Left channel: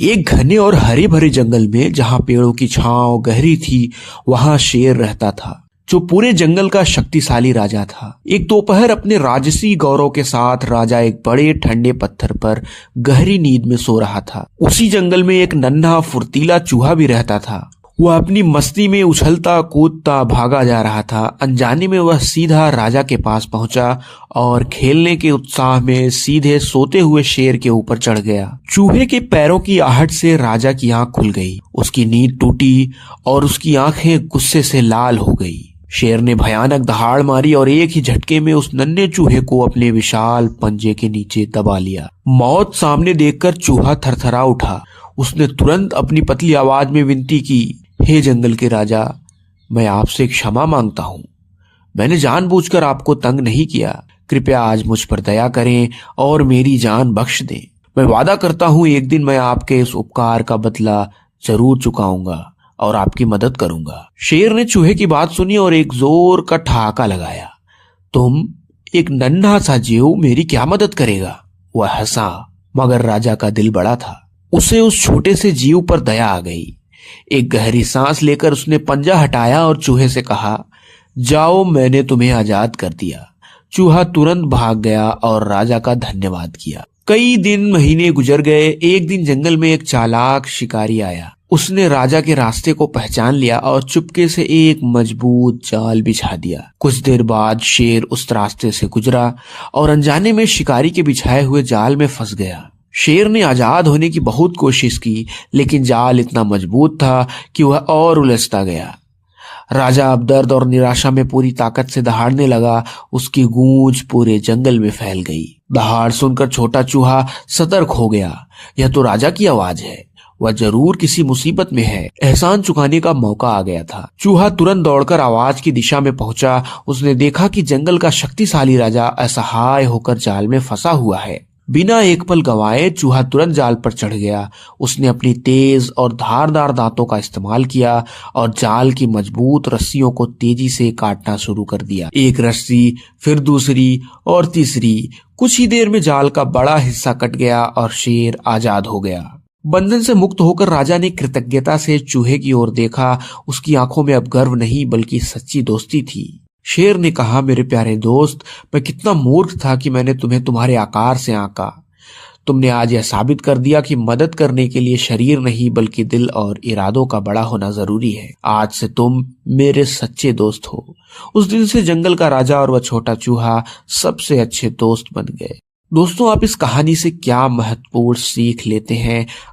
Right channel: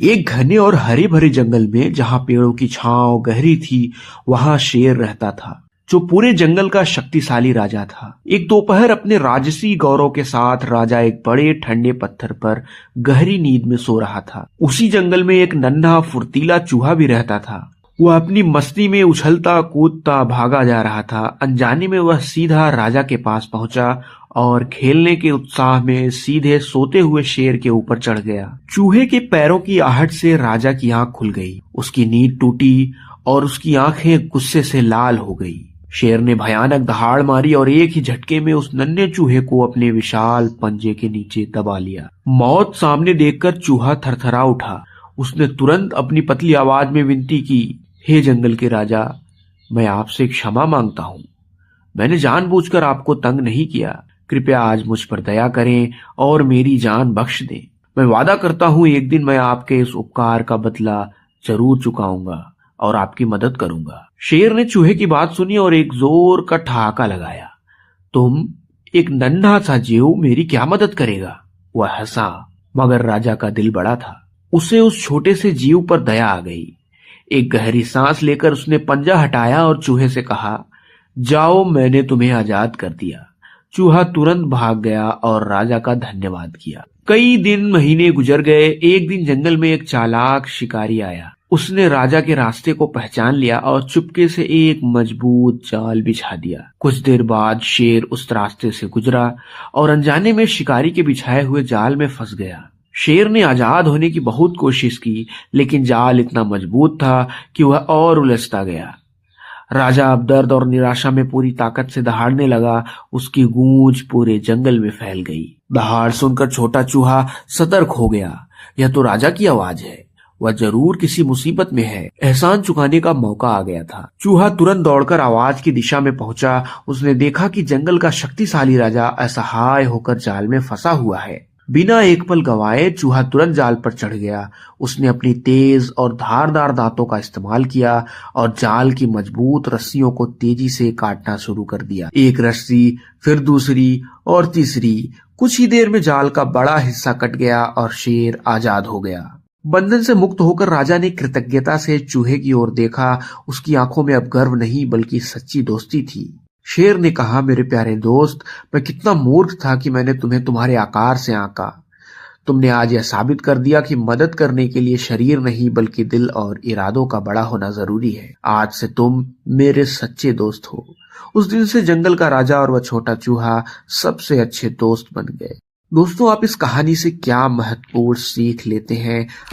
एक घने और हरे भरे जंगल में जहां पेड़ों की छांव गहरी थी, वहां शेर रहता था, जो पूरे जंगल का शक्तिशाली राजा था। एक दोपहर अपने राजसी गौरव के साथ राजा एक बड़े ठंडे पत्थर पर गहरी नींद में सो रहा था। उसी जंगल में एक नन्हा फुर्तीला चूहा भी रहता था। वह अपनी मस्ती में उछलता कूदता भागा जा रहा था। अनजाने में वह सीधा राजा के पास पहुंचा और खेलने के उत्साह में सीधे सोते हुए शेर के ऊपर चढ़ गया। चूहे के पैरों की आहट से राजा की आंख खुल गई। उसकी नींद टूटी और उसकी आंखें गुस्से से लाल हो गई। शेर ने भयानक दहाड़ मारी और एक ही झटके में उस नन्हे चूहे को अपने विशाल पंजे के नीचे दबा लिया। मौत सामने देखकर चूहा थरथरा उठा। उसने तुरंत अपनी पतली आवाज में विनती की, हे जंगल के राजा, मैं आपसे क्षमा मांगता हूँ। मैंने जानबूझकर आपको तंग नहीं किया। कृपया आज मुझ पर दया करें और मेरी जान बख्श दें। मैं वादा करता हूँ एक दिन मैं आपके इस उपकार का बदला जरूर चुकाऊंगा और आपकी मदद करूंगा। शेर ने चूहे की बात सुनी और एक जोर का ठहाका लगाया। तुम एक नन्हा सा जीव मेरी क्या मदद करेगा? वह हंसा, मगर राजा का दिल बड़ा था। उसे उस छोटे से जीव पर दया आ गई। एक गहरी सांस लेकर उसने पंजा हटाया और चूहे से कहा, जाओ, मैंने तुम्हें आजाद कर दिया। चूहा तुरंत भाग गया और राजा का धन्यवाद किया। कई दिन महीने गुजर गए। एक दिन जंगल में एक चालाक शिकारी आया। उसने राजा के रास्ते को पहचान लिया और चुपके से एक मजबूत जाल बिछा दिया। कुछ देर बाद शेर उस रास्ते से गुजरा और अनजाने में शिकारी के बिछाए हुए जाल में फंस गया। शेर ने आजाद होने की बहुत कोशिश की, लेकिन जाल इतना मजबूत था कि वह और उलझता गया। राजा अब दर्द और निराशा में पूरी ताकत से दहाड़ने लगा। उसकी गूंज पूरे जंगल में फैल गई। दहाड़ सुनकर छोटा चूहा सतर्क हो गया। यह तो राजा की आवाज है, वह जरूर किसी मुसीबत में है। एहसान चुकाने का मौका आ गया था। चूहा तुरंत दौड़कर आवाज की दिशा में पहुंचा। उसने देखा कि जंगल का शक्तिशाली राजा असहाय होकर जाल में फंसा हुआ है। बिना एक पल गंवाए चूहा तुरंत जाल पर चढ़ गया। उसने अपनी तेज और धारदार दांतों का इस्तेमाल किया और जाल की मजबूत रस्सियों को तेजी से काटना शुरू कर दिया। एक रस्सी, फिर दूसरी और तीसरी। कुछ ही देर में जाल का बड़ा हिस्सा कट गया और शेर आजाद हो गया। बंधन से मुक्त होकर राजा ने कृतज्ञता से चूहे की ओर देखा। उसकी आंखों में अब गर्व नहीं बल्कि सच्ची दोस्ती थी। शेर ने कहा, मेरे प्यारे दोस्त, मैं कितना मूर्ख था कि मैंने तुम्हें तुम्हारे आकार से आंका। तुमने आज यह साबित कर दिया कि मदद करने के लिए शरीर नहीं बल्कि दिल और इरादों का बड़ा होना जरूरी है। आज से तुम मेरे सच्चे दोस्त हो। उस दिन से जंगल का राजा और वह छोटा चूहा सबसे अच्छे दोस्त बन गए। दोस्तों, आप इस कहानी से क्या महत्वपूर्ण सीख लेते हैं?